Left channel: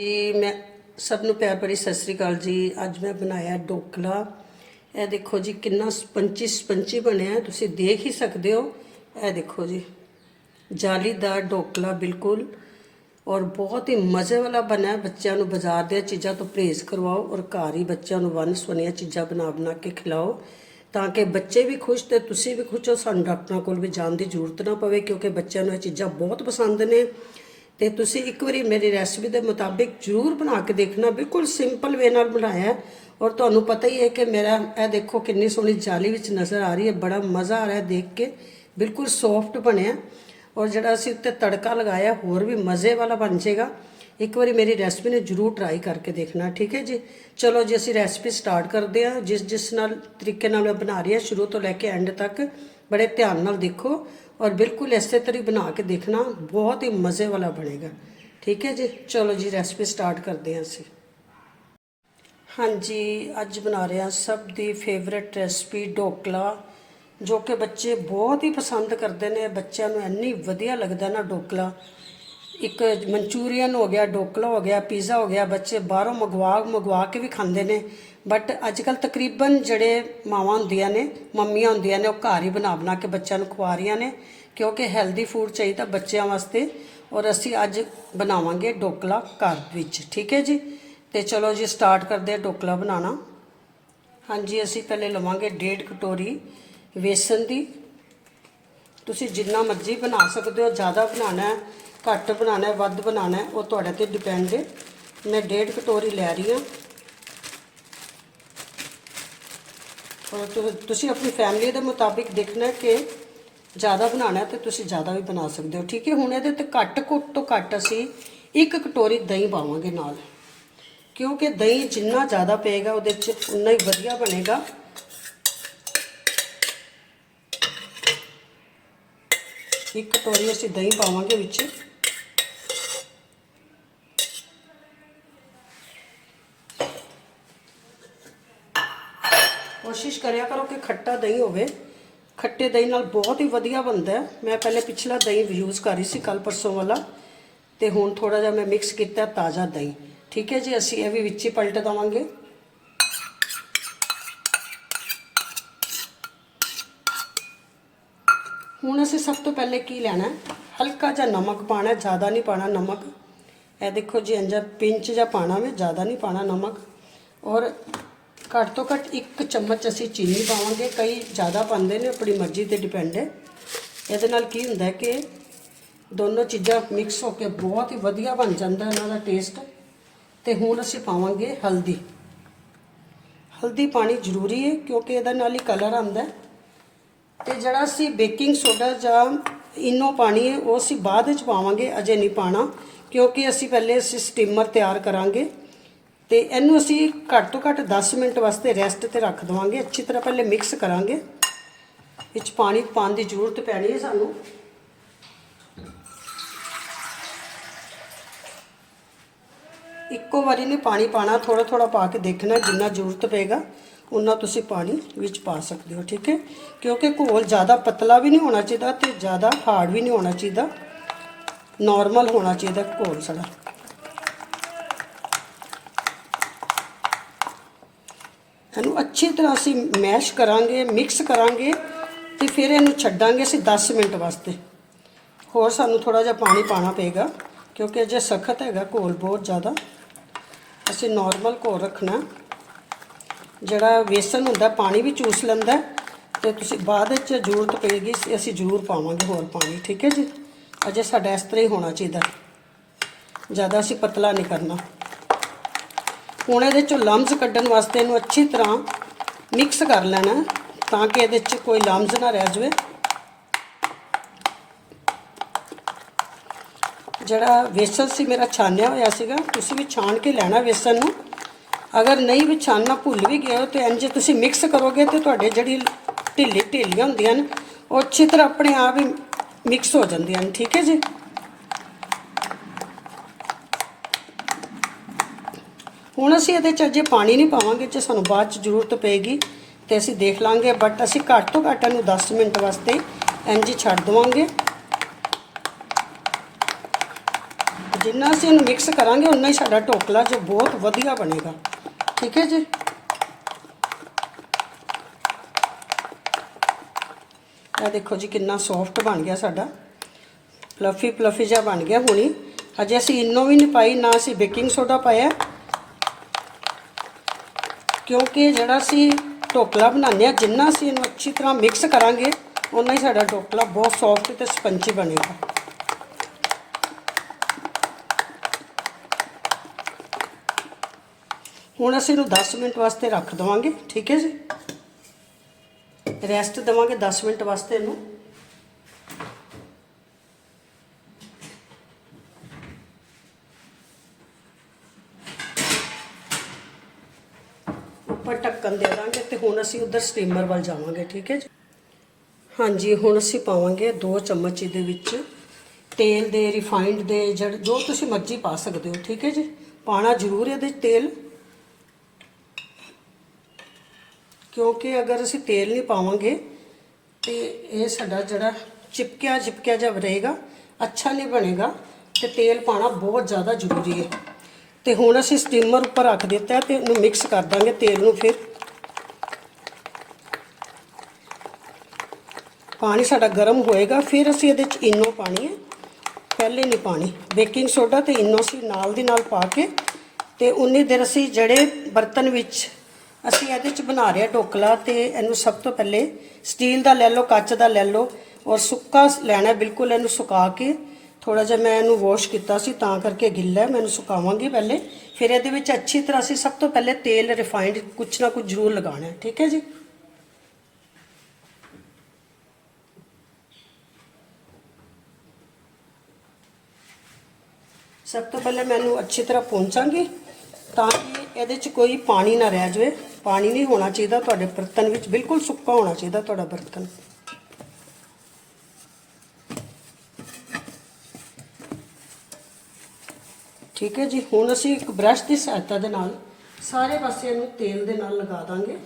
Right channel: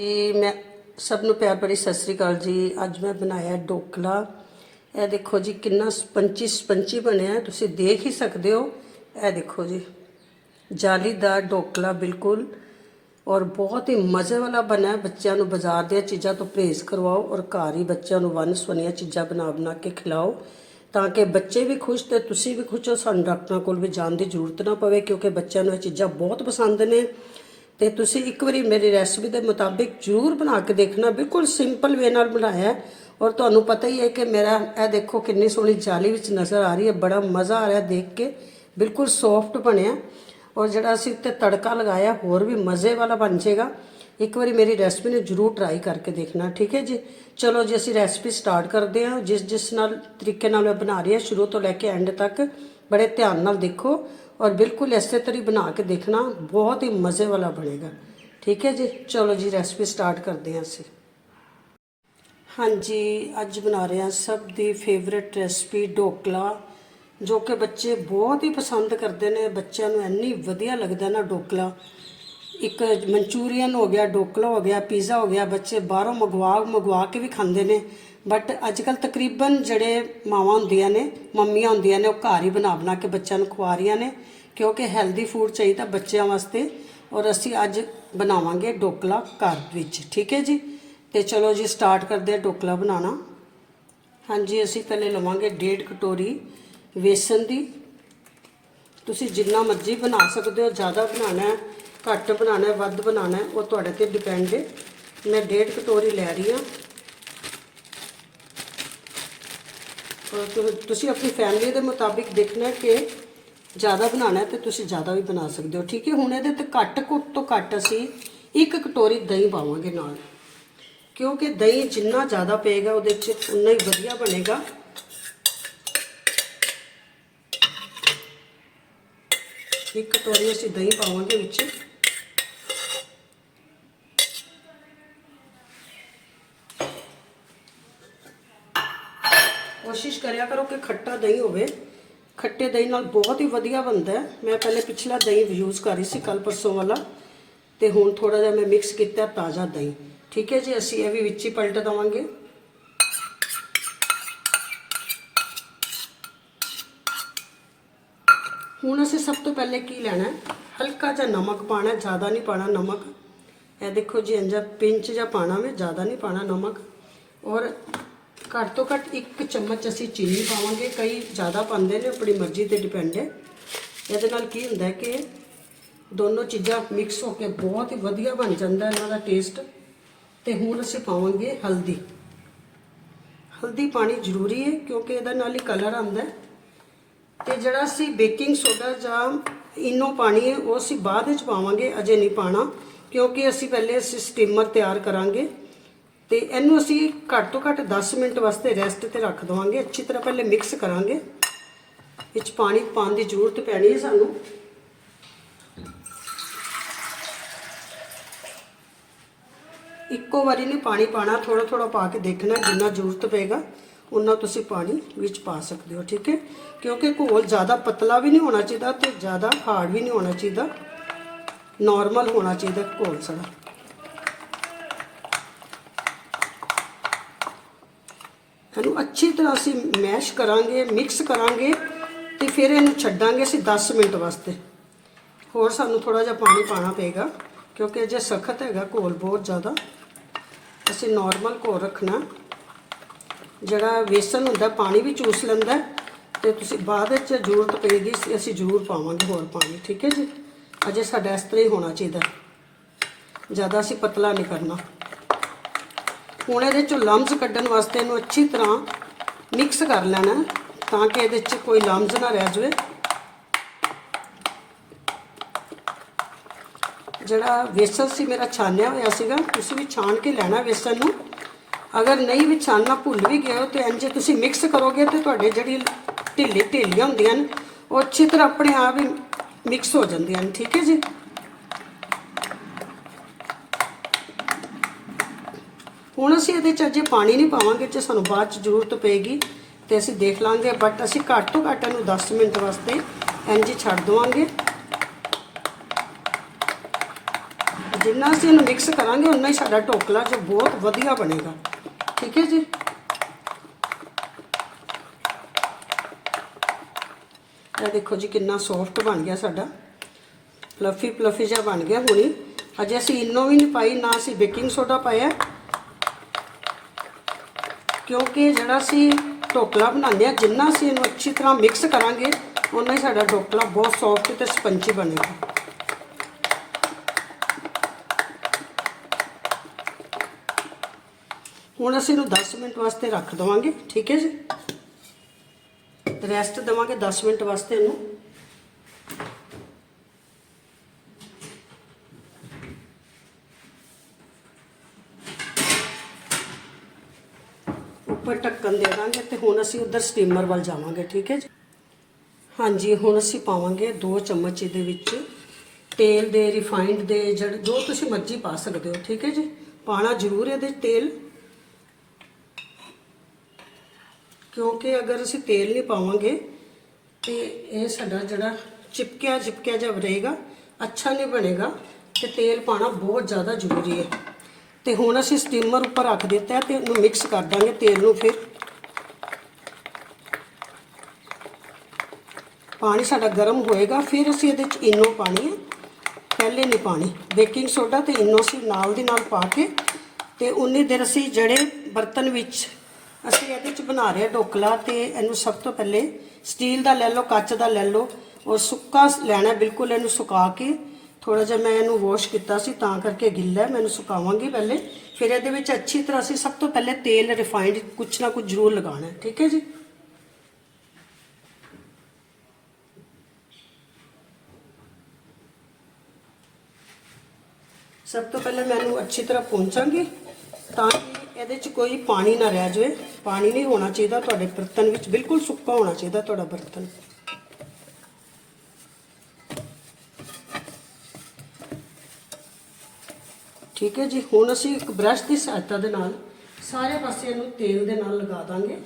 ਜੀ ਮੈਂ ਸਭ ਨੂੰ ਪਿਆਰ ਭਰੀ ਸਤਿ ਸ੍ਰੀ ਅਕਾਲ ਜੀ। ਅੱਜ ਮੈਂ ਬਣਾਇਆ ਡੋਕਲਾ। ਇਹ ਦੇਖੋ ਜੀ, ਕਿੰਨਾ ਸਪੰਚੀ ਸਪੰਚੀ ਬਣਿਆ। ਤੁਸੀਂ ਦੇਖ ਹੀ ਸਕਦੇ ਹੋ। ਇਹ ਦੇਖੋ ਜੀ, ਜਾਲੀਦਾਰ ਡੋਕਲਾ ਬਿਲਕੁਲ। ਔਰ ਬਹੁਤ ਹੀ ਮਜ਼ੇ ਵਾਲਾ ਬਣਿਆ। ਬੱਚਿਆਂ ਨੂੰ ਬਾਜ਼ਾਰ ਦੀਆਂ ਚੀਜ਼ਾਂ ਤੋਂ ਪਰਹੇਜ਼ ਕਰਵਾਓ ਔਰ ਘਰ ਹੀ ਬੱਚਿਆਂ ਨੂੰ ਵੰਨ ਸੁਵੰਨੀਆਂ ਚੀਜ਼ਾਂ ਬਣਾ ਬਣਾ ਕੇ ਖਿਲਾਓ, ਤਾਂ ਕਿ ਬੱਚੇ ਵੀ ਖੁਸ਼ ਤੇ ਤੁਸੀਂ ਵੀ ਖੁਸ਼ ਹੋ। ਸਾਨੂੰ ਡਾਕਟਰਾਂ ਕੋਲ ਵੀ ਜਾਣ ਦੀ ਜ਼ਰੂਰਤ ਨਾ ਪਵੇ, ਕਿਉਂਕਿ ਬੱਚਿਆਂ ਨੂੰ ਇਹ ਚੀਜ਼ਾਂ ਬਹੁਤ ਪਸੰਦ ਨੇ। ਤੇ ਤੁਸੀਂ ਇੱਕ ਵਾਰੀ ਮੇਰੀ ਰੈਸਪੀ ਦੇ ਮੁਤਾਬਿਕ ਜ਼ਰੂਰ ਬਣਾ ਕੇ ਦੇਖਣਾ, ਬਿਲਕੁਲ ਸਿੰਪਲ ਵੇ ਨਾਲ ਬਣਾਇਆ ਔਰ ਤੁਹਾਨੂੰ ਪਤਾ ਹੀ ਹੈ ਕਿ ਮੇਰਾ ਇਹ ਦੇਖੋ ਕਿੰਨੀ ਸੋਹਣੀ ਜਾਲੀ ਵਿੱਚ ਨਜ਼ਰ ਆ ਰਹੀ ਹੈ, ਬੜਾ ਮਜ਼ਾ ਆ ਰਿਹਾ ਦੇਖ ਕੇ, ਬਿਲਕੁਲ ਸੌਫਟ ਬਣਿਆ। ਔਰ ਜਿਹੜਾ ਅਸੀਂ ਉੱਤੇ ਤੜਕਾ ਲਗਾਇਆ, ਹੋਰ ਵੀ ਮਜ਼ੇ ਵਾਲਾ ਬਣ ਜਾਏਗਾ। ਇੱਕ ਵਾਰੀ ਮੇਰੀ ਰੈਸਪੀ ਨੂੰ ਜਰੂਰ ਟਰਾਈ ਕਰਕੇ ਦੇਖਣਾ, ਠੀਕ ਹੈ ਜੀ? ਚਲੋ ਜੀ, ਅਸੀਂ ਰੈਸਪੀ ਸਟਾਰਟ ਕਰਦੇ ਹਾਂ। ਜਿਸ ਜਿਸ ਨਾਲ ਤਰੀਕੇ ਨਾਲ ਮੈਂ ਬਣਾ ਰਹੀ ਹਾਂ, ਸ਼ੁਰੂ ਤੋਂ ਲੈ ਕੇ ਐਂਡ ਤੱਕ, ਬੜੇ ਧਿਆਨ ਨਾਲ ਦੇਖੋ। ਔਰ ਬਿਲਕੁਲ ਇਸੇ ਤਰ੍ਹਾਂ ਹੀ ਬਣਾ ਕੇ ਦੇਖਣਾ ਬਹੁਤ ਹੀ ਮਜ਼ੇ ਵਾਲਾ ਬਣੇਗਾ। ਠੀਕ ਹੈ ਜੀ? ਚਲੋ ਜੀ ਰੈਸਪੀ ਸਟਾਰਟ ਕਰਦੇ ਹਾਂ ਅਸੀਂ। ਹਾਂਜੀ, ਅੱਜ ਬਣਾ ਰਹੇ ਹਾਂ ਸਭ ਦੀ ਫੇਵਰਿਟ ਰੈਸਪੀ ਢੋਕਲਾ, ਜੋ ਕਿ ਬੱਚੇ ਬਹੁਤ ਹੀ ਪਸੰਦ ਕਰਦੇ ਨੇ। ਬੱਚਿਆਂ ਨੂੰ ਇੰਨੀ ਵਧੀਆ ਲੱਗਦਾ ਨਾ ਢੋਕਲਾ। ਇੱਕ ਮਨਚੂਰੀਅਨ ਹੋ ਗਿਆ, ਢੋਕਲਾ ਹੋ ਗਿਆ, ਪੀਜ਼ਾ ਹੋ ਗਿਆ, ਬੱਚੇ ਬਾਹਰੋਂ ਮੰਗਵਾ ਮੰਗਵਾ ਕੇ ਵੀ ਖਾਂਦੇ ਨੇ। ਬਟ ਅੱਜ ਕੱਲ ਤਕਰੀਬਨ ਜਿਹੜੇ ਮਾਵਾਂ ਹੁੰਦੀਆਂ ਨੇ, ਮੰਮੀਆਂ ਹੁੰਦੀਆਂ ਨੇ, ਉਹ ਘਰ ਹੀ ਬਣਾ ਬਣਾ ਕੇ ਬੱਚਿਆਂ ਨੂੰ ਖਵਾ ਰਹੀਆਂ ਨੇ। ਕਿਉਂਕਿ ਹੈਲਦੀ ਫੂਡ ਚਾਹੀਦਾ ਬੱਚਿਆਂ ਵਾਸਤੇ ਔਰ ਅਸੀਂ ਅੱਜ ਬਣਾਵਾਂਗੇ ਡੋਕਲਾ ਘਰ ਵਿੱਚ, ਠੀਕ ਹੈ ਜੀ? ਤੇ ਚਲੋ ਜੀ ਸਟਾਰਟ ਕਰਦੇ ਹਾਂ ਡੋਕਲਾ ਬਣਾਉਣਾ। ਹਾਂਜੀ, ਅਸੀਂ ਪਹਿਲੇ ਲਵਾਂਗੇ ਡੇਢ ਕਟੋਰੀ ਵੇਸਣ ਦੀ। ਤੁਸੀਂ ਜਿੰਨਾ ਮਰਜ਼ੀ ਬਣਾ ਸਕਦੇ ਹੋ, ਜ਼ਿਆਦਾ ਬਣਾਉਣਾ ਹੈ, ਘੱਟ ਬਣਾਉਣਾ ਹੈ, ਵੱਧ ਬਣਾਉਣਾ ਹੈ, ਉਹ ਤੁਹਾਡੇ ਤੇ ਡਿਪੈਂਡ ਹੈ। ਮੈਂ ਡੇਢ ਕਟੋਰੀ ਲੈ ਰਹੀ ਹਾਂ। ਔਰ ਤੁ- ਤੁਸੀਂ ਆਪਣੀ ਫੈਮਿਲੀ ਦੇ ਮੁਤਾਬਿਕ ਦੇਖਣਾ ਕਿ ਜ਼ਿਆਦਾ ਬਣਾਉਣਾ ਹੈ ਤੇ ਤੁਸੀਂ ਜ਼ਿਆਦਾ ਵੀ ਬਣਾ ਸਕਦੇ ਹੋ। ਠੀਕ ਹੈ, ਹੁਣ ਇਹਦੇ ਤੇ ਘੱਟ ਘੁੱਟ ਤੋਂ ਘੱਟ ਅਸੀਂ ਇੱਕ ਕਟੋਰੀ ਦਹੀਂ ਪਾਵਾਂਗੇ ਨਾਲ। ਕਿਉਂਕਿ ਦਹੀਂ ਜਿੰਨਾ ਜ਼ਿਆਦਾ ਪਏਗਾ ਉਹਦੇ ਚ ਉਨਾ ਹੀ ਵਧੀਆ ਬਣੇਗਾ। ਇੱਕ ਕਟੋਰੀ ਅਸੀਂ ਦਹੀਂ ਪਾਵਾਂਗੇ ਵਿੱਚ। ਕੋਸ਼ਿਸ਼ ਕਰਿਆ ਕਰੋ ਕਿ ਖੱਟਾ ਦਹੀਂ ਹੋਵੇ। ਖੱਟੇ ਦਹੀਂ ਨਾਲ ਬਹੁਤ ਹੀ ਵਧੀਆ ਬਣਦਾ ਹੈ। ਮੈਂ ਪਹਿਲੇ ਪਿਛਲਾ ਦਹੀਂ ਯੂਜ਼ ਕਰੀ ਸੀ ਕੱਲ ਪਰਸੋਂ ਵਾਲਾ। ਤੇ ਹੁਣ ਥੋੜਾ ਜਿਹਾ ਮੈਂ ਮਿਕਸ ਕੀਤਾ ਤਾਜ਼ਾ ਦਹੀਂ। ਠੀਕ ਹੈ ਜੀ, ਅਸੀਂ ਇਹ ਵੀ ਵਿੱਚ ਹੀ ਪਲਟ ਦਵਾਂਗੇ। ਹੁਣ ਅਸੀਂ ਸਭ ਤੋਂ ਪਹਿਲੇ ਕੀ ਲੈਣਾ ਹਲਕਾ ਜਿਹਾ ਨਮਕ ਪਾਣਾ ਜ਼ਿਆਦਾ ਨਹੀਂ ਪਾਣਾ ਨਮਕ। ਇਹ ਦੇਖੋ ਜੀ ਇੰਜਾ ਪਿੰਚ ਜਾਂ ਪਾਣਾ ਵੇ, ਜ਼ਿਆਦਾ ਨਹੀਂ ਪਾਣਾ ਨਮਕ। ਔਰ ਘੱਟ ਤੋਂ ਘੱਟ ਇੱਕ ਚਮਚ ਅਸੀਂ ਚੀਨੀ ਪਾਵਾਂਗੇ। ਕਈ ਜ਼ਿਆਦਾ ਪਾਉਂਦੇ ਨੇ, ਆਪਣੀ ਮਰਜ਼ੀ ਤੇ ਡਿਪੈਂਡ ਹੈ। ਇਹਦੇ ਨਾਲ ਕੀ ਹੁੰਦਾ ਕਿ ਦੋਨੋਂ ਚੀਜ਼ਾਂ ਮਿਕਸ ਹੋ ਕੇ ਬਹੁਤ ਹੀ ਵਧੀਆ ਬਣ ਜਾਂਦਾ ਇਹਨਾਂ ਦਾ ਟੇਸਟ ਤੇ ਹੁਣ ਅਸੀਂ ਪਾਵਾਂਗੇ ਹਲਦੀ। ਹਲਦੀ ਪਾਣੀ ਜ਼ਰੂਰੀ ਹੈ, ਕਿਉਂਕਿ ਇਹਦੇ ਨਾਲ ਹੀ ਕਲਰ ਆਉਂਦਾ ਹੈ। ਤੇ ਜਿਹੜਾ ਅਸੀਂ ਬੇਕਿੰਗ ਸੋਡਾ ਜਾਂ ਇਨੋ ਪਾਣੀ ਹੈ, ਉਹ ਅਸੀਂ ਬਾਅਦ ਵਿੱਚ ਪਾਵਾਂਗੇ, ਅਜੇ ਨਹੀਂ ਪਾਣਾ ਕਿਉਂਕਿ ਅਸੀਂ ਪਹਿਲੇ ਅਸੀਂ ਸਟੀਮਰ ਤਿਆਰ ਕਰਾਂਗੇ। ਤੇ ਇਹਨੂੰ ਅਸੀਂ ਘੱਟ ਤੋਂ ਘੱਟ 10 ਮਿੰਟ ਵਾਸਤੇ ਰੈਸਟ ਤੇ ਰੱਖ ਦਵਾਂਗੇ। ਅੱਛੀ ਤਰ੍ਹਾਂ ਪਹਿਲੇ ਮਿਕਸ ਕਰਾਂਗੇ। ਵਿੱਚ ਪਾਣੀ ਪਾਉਣ ਦੀ ਜ਼ਰੂਰਤ ਪੈਣੀ ਹੈ ਸਾਨੂੰ। ਇੱਕੋ ਵਾਰੀ ਨਹੀਂ ਪਾਣੀ ਪਾਣਾ ਥੋੜਾ ਥੋੜਾ ਪਾ ਕੇ ਦੇਖਣਾ, ਜਿੰਨਾ ਜ਼ਰੂਰਤ ਪਏਗਾ ਉਨਾ ਤੁਸੀਂ ਪਾਣੀ ਵਿੱਚ ਪਾ ਸਕਦੇ ਹੋ, ਠੀਕ ਹੈ? ਕਿਉਂਕਿ ਘੋਲ ਜ਼ਿਆਦਾ ਪਤਲਾ ਵੀ ਨਹੀਂ ਹੋਣਾ ਚਾਹੀਦਾ ਤੇ ਜ਼ਿਆਦਾ ਹਾਰਡ ਵੀ ਨਹੀਂ ਹੋਣਾ ਚਾਹੀਦਾ। ਨਾਰਮਲ ਹੋਣਾ ਚਾਹੀਦਾ ਘੋਲ ਸਾਡਾ। ਇਹਨੂੰ ਅੱਛੀ ਤਰ੍ਹਾਂ ਅਸੀਂ ਮੈਸ਼ ਕਰਾਂਗੇ ਮਿਕਸ ਕਰਾਂਗੇ ਤੇ ਫਿਰ ਇਹਨੂੰ ਛੱਡਾਂਗੇ ਅਸੀਂ 10 ਮਿੰਟ ਵਾਸਤੇ। ਹੋਰ ਸਾਨੂੰ ਥੋੜਾ ਜਿਹਾ ਪਾਣੀ ਪਾਣਾ ਪਏਗਾ, ਕਿਉਂਕਿ ਅਜੇ ਸਖਤ ਹੈਗਾ ਘੋਲ ਬਹੁਤ ਜ਼ਿਆਦਾ। ਅਸੀਂ ਨਾਰਮਲ ਘੋਲ ਰੱਖਣਾ। ਜਿਹੜਾ ਵੇਸਨ ਹੁੰਦਾ, ਪਾਣੀ ਵੀ ਚੂਸ ਲੈਂਦਾ ਤੇ ਤੁਸੀਂ ਬਾਅਦ ਵਿੱਚ ਜ਼ਰੂਰਤ ਪਏਗੀ, ਅਸੀਂ ਜ਼ਰੂਰ ਪਾਵਾਂਗੇ ਹੋਰ ਪਾਣੀ, ਠੀਕ ਹੈ ਜੀ? ਅਜੇ ਸਾਡਾ ਇਸ ਤਰ੍ਹਾਂ ਹੀ ਹੋਣਾ ਚਾਹੀਦਾ। ਜ਼ਿਆਦਾ ਅਸੀਂ ਪਤਲਾ ਨਹੀਂ ਕਰਨਾ। ਹੁਣ ਇਹਦੇ ਚੋਂ ਲੰਮਸ ਕੱਢਣ ਵਾਸਤੇ ਇਹਨੂੰ ਅੱਛੀ ਤਰ੍ਹਾਂ ਮਿਕਸ ਕਰ ਲੈਣਾ ਤਾਂ ਕਿ ਇਹਦੇ 'ਚ ਕੋਈ ਲੰਮਸ ਨਾ ਰਹਿ ਜਾਵੇ। ਜਿਹੜਾ ਵੇਸਣ ਸੀ ਮੇਰਾ ਛਾਨਿਆ ਹੋਇਆ ਸੀਗਾ, ਤੁਸੀਂ ਵੀ ਛਾਣ ਕੇ ਲੈਣਾ ਵੇਸਣ ਨੂੰ। ਅਗਰ ਨਹੀਂ ਵੀ ਛਾਨਣਾ ਭੁੱਲ ਵੀ ਗਏ ਹੋ, ਤੇ ਇੰਜ ਤੁਸੀਂ ਮਿਕਸ ਕਰੋਗੇ ਤੇ ਤੁਹਾਡੇ ਜਿਹੜੀ ਢਿੱਲੀ ਢਿੱਲੀਆਂ ਹੁੰਦੀਆਂ ਨੇ, ਉਹ ਅੱਛੀ ਤਰ੍ਹਾਂ ਆਪਣੇ ਆਪ ਹੀ ਮਿਕਸ ਹੋ ਜਾਂਦੀਆਂ ਨੇ, ਠੀਕ ਹੈ ਜੀ? ਹੁਣ ਅਸੀਂ ਇਹਦੇ ਚ ਅਜੇ ਪਾਣੀ ਨਹੀਂ ਪਾਵਾਂਗੇ ਜੇ ਸਾਨੂੰ ਬਾਅਦ ਚ ਜ਼ਰੂਰਤ ਪਏਗੀ ਤੇ ਅਸੀਂ ਦੇਖ ਲਾਂਗੇ ਬਟ ਅਸੀਂ ਘੱਟ ਤੋਂ ਘੱਟ ਇਹਨੂੰ 10 ਮਿੰਟ ਵਾਸਤੇ ਇੰਜ ਛੱਡ ਦਵਾਂਗੇ। ਜਿੰਨਾ ਅਸੀਂ ਇਹਨੂੰ ਮਿਕਸ ਕਰਾਂਗੇ ਉਨਾ ਹੀ ਸਾਡਾ ਢੋਕਲਾ ਜੋ ਬਹੁਤ ਵਧੀਆ ਬਣੇਗਾ। ਠੀਕ ਹੈ ਜੀ? ਇਹ ਦੇਖੋ ਜੀ ਕਿੰਨਾ ਸੌਫਟ ਬਣ ਗਿਆ ਸਾਡਾ। ਪਲਫੀ ਪਲਫੀ ਜਿਹਾ ਬਣ ਗਿਆ ਹੁਣੀ। ਅਜੇ ਅਸੀਂ ਇਨੋ ਵੀ ਨਹੀਂ ਪਾਈ, ਨਾ ਅਸੀਂ ਬੇਕਿੰਗ ਸੋਡਾ ਪਾਇਆ। ਕਿਉਂਕਿ ਜਿਹੜਾ ਅਸੀਂ ਢੋਕਲਾ ਬਣਾਉਂਦੇ ਆ ਜਿੰਨਾ ਅਸੀਂ ਇਹਨੂੰ ਅੱਛੀ ਤਰ੍ਹਾਂ ਮਿਕਸ ਕਰਾਂਗੇ ਉਨਾ ਹੀ ਸਾਡਾ ਢੋਕਲਾ ਬਹੁਤ ਸੌਫਟ ਤੇ ਸਪੰਜੀ ਬਣੇਗਾ। ਹੁਣ ਅਸੀਂ ਇਹਨੂੰ 10 ਮਿੰਟ ਵਾਸਤੇ ਰੱਖ ਦਵਾਂਗੇ, ਠੀਕ ਹੈ ਜੀ? ਰੈਸਟ ਦਵਾਂਗੇ 10 ਮਿੰਟ ਵਾਸਤੇ ਇਹਨੂੰ। ਉੱਪਰ ਢੱਕਣ ਦੇ ਦਾਂਗੇ ਤੇ ਹੁਣ ਅਸੀਂ ਉਧਰ ਸਟੀਮਰ ਵੱਲ ਜਾਵਾਂਗੇ, ਠੀਕ ਹੈ ਜੀ? ਹਾਂਜੀ, ਹੁਣ ਅਸੀਂ ਪਾਵਾਂਗੇ 2 ਚਮਚ ਇਹਦੇ ਵਿੱਚ ਤੇਲ ਦੇ ਰਿਫਾਈਨਡ ਦੇ ਜੜ ਜੋ ਤੁਸੀਂ ਮਰਜ਼ੀ ਪਾ ਸਕਦੇ ਹੋ, ਠੀਕ ਹੈ ਜੀ? ਪਾਣਾ ਜ਼ਰੂਰ ਹੈ ਇਹਦੇ 'ਚ ਤੇਲ। ਕਿਉਂਕਿ ਅਗਰ ਅਸੀਂ ਤੇਲ ਨਹੀਂ ਪਾਵਾਂਗੇ ਤੇ ਇਹ ਸਾਡਾ ਜਿਹੜਾ ਚਿਪਕਿਆ ਚਿਪਕਿਆ ਜਿਹਾ ਰਹੇਗਾ, ਅੱਛਾ ਨਹੀਂ ਬਣੇਗਾ ਤੇ ਤੇਲ ਪਾਣਾ ਬਹੁਤ ਜ਼ਿਆਦਾ ਜ਼ਰੂਰੀ ਹੈ। ਤੇ ਹੁਣ ਅਸੀਂ ਸਟੀਮਰ ਉੱਪਰ ਰੱਖ ਦਿੱਤਾ ਹੈ ਤੇ ਇਹਨੂੰ ਮਿਕਸ ਕਰ ਦਾਂਗੇ ਤੇਲ ਨੂੰ ਫਿਰ। ਪਾਣੀ ਸਾਡਾ ਗਰਮ ਹੋਏਗਾ, ਫਿਰ ਅਸੀਂ ਇਹਦੇ ਚ ਇਨੋ ਪਾਣੀ ਹੈ। ਪਹਿਲੇ ਨਹੀਂ ਪਾਣੀ, ਬੇਕਿੰਗ ਸੋਡਾ ਤੇ ਇਨੋ ਅਸੀਂ ਨਾਲ ਦੀ ਨਾਲ ਪਾ ਕੇ ਤੇ ਉਨੀ ਦੇਰ ਅਸੀਂ ਜਿਹੜੇ ਬਰਤਨ ਵਿੱਚ ਅਸੀਂ ਇਹਦੇ ਚ ਬਣਾ ਰਹੇ ਹਾਂ ਢੋਕਲਾ ਤੇ ਇਹਨੂੰ ਸਭ ਤੋਂ ਪਹਿਲੇ ਸਟੀਲ ਦਾ ਲੈ ਲਓ, ਕੱਚ ਦਾ ਲੈ ਲਓ ਔਰ ਸੁੱਕਾ ਲੈਣਾ ਬਿਲਕੁਲ ਇਹਨੂੰ ਸੁਕਾ ਕੇ ਥੋੜਾ ਜਿਹਾ ਮੈਂ ਇਹਨੂੰ ਵਾਸ਼ ਕੀਤਾ ਸੀ, ਤਾਂ ਕਰਕੇ ਗਿੱਲਾ ਹੈ, ਮੈਂ ਇਹਨੂੰ ਸੁਕਾਵਾਂਗੀ ਪਹਿਲੇ। ਫਿਰ ਇਹਦੇ ਵਿੱਚ ਅੱਛੀ ਤਰ੍ਹਾਂ ਅਸੀਂ ਸਭ ਤੋਂ ਪਹਿਲੇ ਤੇਲ ਰਿਫਾਈਂਡ ਕੁਛ ਨਾ ਕੁਛ ਜ਼ਰੂਰ ਲਗਾਉਣਾ ਹੈ, ਠੀਕ ਹੈ ਜੀ? ਸਭ ਤੋਂ ਪਹਿਲੇ ਮੈਨੂੰ ਅੱਛੀ ਤਰ੍ਹਾਂ ਪਹੁੰਚਾਂਗੀ ਤਾਂ ਕਿ ਇਹਦੇ 'ਚ ਕੋਈ ਪਾਣੀ ਨਾ ਰਹਿ ਜਾਵੇ। ਪਾਣੀ ਨਹੀਂ ਹੋਣਾ ਚਾਹੀਦਾ, ਤੁਹਾਡੇ ਬਰਤਨ ਵਿੱਚ ਬਿਲਕੁਲ ਸੁੱਕਾ ਹੋਣਾ ਚਾਹੀਦਾ, ਤੁਹਾਡਾ ਬਰਤਨ। ਠੀਕ ਹੈ ਜੀ? ਹੁਣ ਅਸੀਂ ਇੱਕ ਬ੍ਰਸ਼ ਦੀ ਸਹਾਇਤਾ ਦੇ ਨਾਲ ਸਾਰੇ ਪਾਸੇ ਇਹਨੂੰ ਤੇਲ ਦੇ ਨਾਲ ਲਗਾ ਦਾਂਗੇ।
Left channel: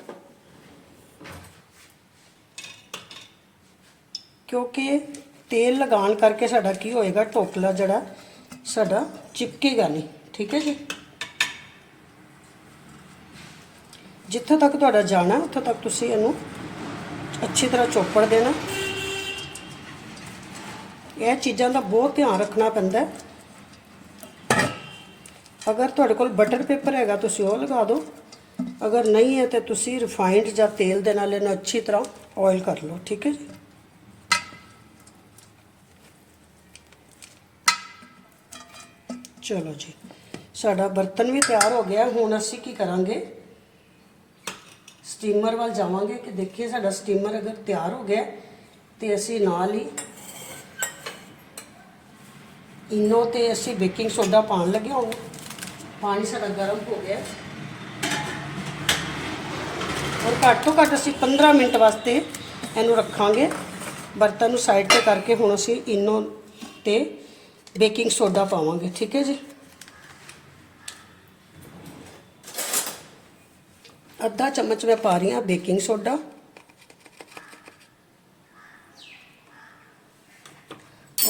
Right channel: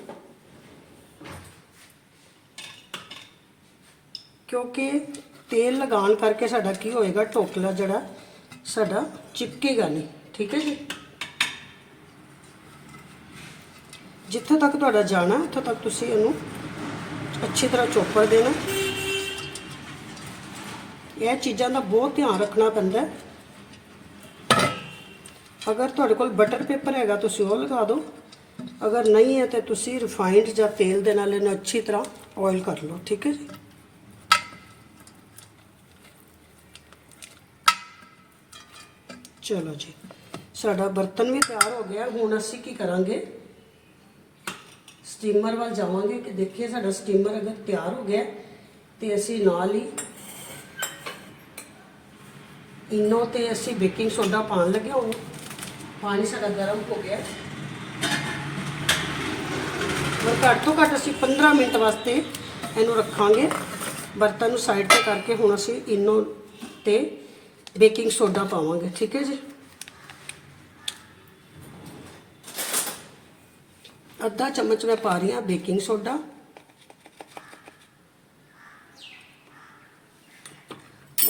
ਕਿਉਂਕਿ ਤੇਲ ਲਗਾਉਣ ਕਰਕੇ ਸਾਡਾ ਕੀ ਹੋਏਗਾ? ਢੋਕਲਾ ਜਿਹੜਾ ਸਾਡਾ ਚਿਪਕੇਗਾ ਨਹੀਂ। ਠੀਕ ਹੈ ਜੀ? ਜਿੱਥੇ ਤੱਕ ਤੁਹਾਡਾ ਜਾਣਾ, ਉੱਥੇ ਤੱਕ ਤੁਸੀਂ ਇਹਨੂੰ ਅੱਛੀ ਤਰ੍ਹਾਂ ਚੋਪੜ ਦੇਣਾ। ਇਹ ਚੀਜ਼ਾਂ ਦਾ ਬਹੁਤ ਧਿਆਨ ਰੱਖਣਾ ਪੈਂਦਾ ਹੈ। ਅਗਰ ਤੁਹਾਡੇ ਕੋਲ ਬਟਰ ਪੇਪਰ ਹੈਗਾ ਤੁਸੀਂ ਉਹ ਲਗਾ ਦਿਓ ਅਗਰ ਨਹੀਂ ਹੈ ਤੇ ਤੁਸੀਂ ਰਿਫਾਈਨਡ ਜਾਂ ਤੇਲ ਦੇ ਨਾਲ ਇਹਨੂੰ ਅੱਛੀ ਤਰ੍ਹਾਂ ਆਇਲ ਕਰ ਲਓ ਠੀਕ ਹੈ ਜੀ ਚਲੋ ਜੀ ਸਾਡਾ ਬਰਤਨ ਵੀ ਤਿਆਰ ਹੋ ਗਿਆ ਹੁਣ ਅਸੀਂ ਕੀ ਕਰਾਂਗੇ ਸਟੀਮਰ ਵੱਲ ਜਾਵਾਂਗੇ ਕਿ ਦੇਖੀਏ ਸਾਡਾ ਸਟੀਮਰ ਅਗਰ ਤਿਆਰ ਹੋ ਗਿਆ ਤੇ ਅਸੀਂ ਨਾਲ ਹੀ ਇਨੋ ਤੇ ਅਸੀਂ ਬੇਕਿੰਗ ਸੋਡਾ ਪਾਣ ਲੱਗੇ ਹੁਣ ਪਾਣੀ ਸਾਡਾ ਗਰਮ ਹੋ ਗਿਆ। ਔਰ ਘੱਟ ਤੋਂ ਘੱਟ ਅਸੀਂ 15 ਮਿੰਟ ਵਾਸਤੇ ਇਹਨੂੰ ਰੱਖਾਂਗੇ। ਬਰਤਨ ਨੂੰ ਸਾਈਡ ਤੇ ਕਰਕੇ ਹੁਣ ਅਸੀਂ ਇਨੋ ਤੇ ਬੇਕਿੰਗ ਸੋਡਾ ਪਾਵਾਂਗੇ, ਠੀਕ ਹੈ ਜੀ? ਅੱਧਾ ਚਮਚ ਮੈਂ ਪਾ ਰਹੀ ਹਾਂ ਬੇਕਿੰਗ ਸੋਡਾ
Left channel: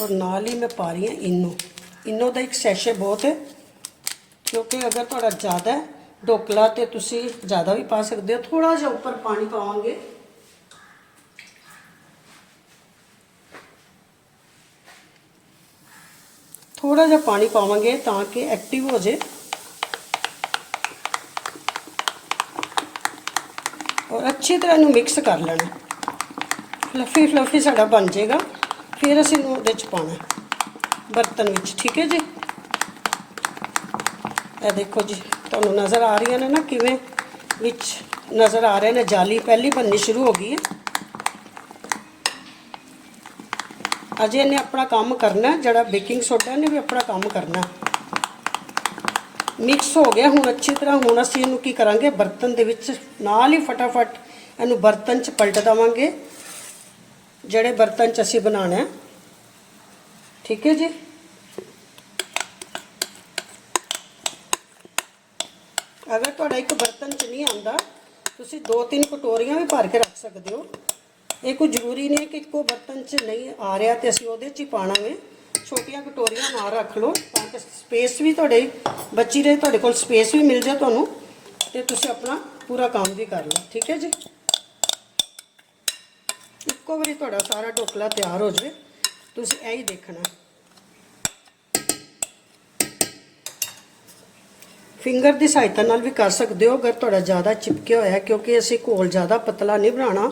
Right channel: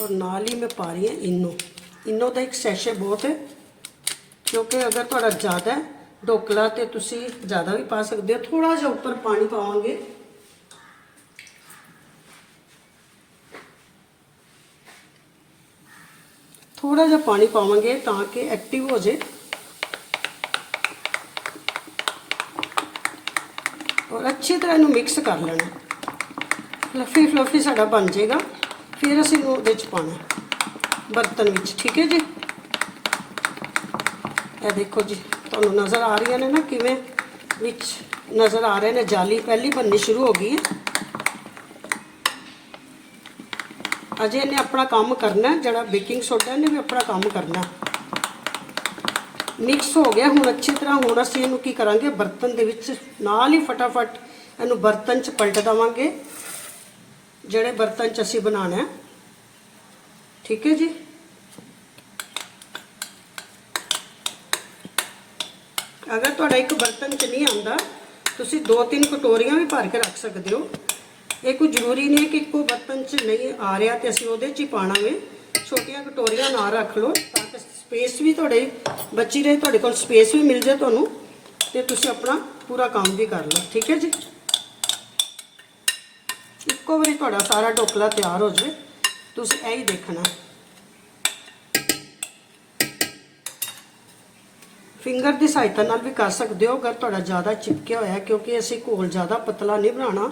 ਔਰ ਨਾਲ ਹੀ ਮੈਂ ਪਾ ਰਹੀ ਹਾਂ ਇਨੋ। ਇਨੋ ਦਾ ਇੱਕ ਸੈਸ਼ੇ ਬਹੁਤ ਕਿਉਂਕਿ ਅਗਰ ਤੁਹਾਡਾ ਜ਼ਿਆਦਾ ਢੋਕਲਾ ਤੇ ਤੁਸੀਂ ਜ਼ਿਆਦਾ ਵੀ ਪਾ ਸਕਦੇ ਹੋ ਥੋੜਾ ਜਿਹਾ ਉੱਪਰ ਪਾਣੀ ਪਾਵਾਂਗੇ। ਥੋੜਾ ਜਿਹਾ ਪਾਣੀ ਪਾਵਾਂਗੇ ਤਾਂ ਕਿ ਐਕਟਿਵ ਹੋ ਜੇ। ਔਰ ਅੱਛੀ ਤਰ੍ਹਾਂ ਇਹਨੂੰ ਮਿਕਸ ਕਰ ਲੈਣਾ। ਫਲਫੀ ਫਲਫੀ ਸਾਡਾ ਬਣ ਜਾਏਗਾ। ਫਿਰ ਅਸੀਂ ਉਹਦੇ ਚ ਪਾਣਾ ਬਰਤਨ ਵਿੱਚ, ਠੀਕ ਹੈ ਜੀ? ਇਹ ਦੇਖੋ ਜੀ, ਤੁਹਾਨੂੰ ਨਜ਼ਰ ਆ ਰਹੀਆਂ ਨੇ ਨਾ ਕਿਵੇਂ ਵਿੱਚ ਨਜ਼ਰ ਆ ਰਹੇ ਨੇ ਜਾਲੀ। ਪਹਿਲੀ ਬੰਨੀ ਸ਼ੁਰੂ ਹੋ ਗਈ ਹੈ। ਅਜੇ ਇਹਨੇ ਆਪਣਾ ਕੰਮ ਕਰਨਾ, ਜਿਹੜਾ ਬੇਕਿੰਗ ਸੋਡਾ, ਇਹਨੇ ਵੀ ਆਪਣਾ ਕੰਮ ਕਰਨਾ। ਮਿਕਸ ਹੋ ਗਿਆ, ਹੁਣ ਅੱਛੀ ਤਰ੍ਹਾਂ ਹੁਣ ਅਸੀਂ ਇਹਨੂੰ ਕੀ ਕਰਾਂਗੇ? ਬਰਤਨ ਦੇ ਵਿੱਚ ਨਾਲ ਹੀ ਫਟਾਫਟ ਇਹਨੂੰ ਬਰਤਨ 'ਚ ਪਲਟ ਦਵਾਂਗੇ। ਜਿਹੜੇ ਬਰਤਨ 'ਚ ਅਸੀਂ ਬਣਾਉਣਾ ਠੀਕ ਹੈ ਜੀ? ਅਗਰ ਤੁਹਾਡਾ ਇੱਕ ਬਰਤਨ 'ਚ ਨਹੀਂ ਆਉਂਦਾ, ਤੁਸੀਂ ਦੋ ਤਿੰਨ ਕਟੋਰੀਆਂ ਵੀ ਭਰ ਕੇ ਰੱਖ ਸਕਦੇ ਹੋ। ਇਹ ਕੋਈ ਜ਼ਰੂਰੀ ਨਹੀਂ ਹੈ ਕਿ ਇੱਕੋ ਬਰਤਨ 'ਚ ਨਹੀਂ ਆ ਰਿਹਾ ਤੇ ਅਸੀਂ ਉਹਦੇ 'ਚ ਹੀ ਪਾਣਾ ਵੇ ਛੋਟੀਆਂ ਕਟੋਰੀਆਂ ਨਾ ਰੱਖ ਲਓ ਤਾਂ ਕਿ ਸਪੇਸ ਵੀ ਤੁਹਾਡੇ, ਬੱਚੀ ਰਹੇ ਤੁਹਾਡੇ ਕੋਲ ਸਪੇਸ ਵੀ ਮਿਲ ਜਾਏ ਤੁਹਾਨੂੰ ਤੇ ਤੁਸੀਂ ਆਪਣਾ ਪੂਰਾ ਕੰਮ ਵੀ ਕਰ ਲਓ। ਠੀਕ ਹੈ ਜੀ? ਇੱਕੋ ਵਾਰੀ ਤੁਹਾਡਾ ਸਾਰਾ ਢੋਕਲਾ ਤਿਆਰ ਹੋ ਜਾਵੇ। ਤੁਸੀਂ ਇਹ ਹੀ ਦੇਖਣਾ। ਫਿੰਗਰ ਦੀ ਸਹਾਇਤਾ ਨਾਲ ਵੀ ਕਰ ਸਕਦੇ ਹੋ, ਅਗਰ ਤੁਹਾਡਾ ਜ਼ਿਆਦਾ ਚਿਪਕਿਆ ਹੋਇਆ ਕਿਉਂਕਿ ਅਸੀਂ ਘੋਲ ਜ਼ਿਆਦਾ ਪਤਲਾ ਨਹੀਂ ਬਣਾਉਣਾ।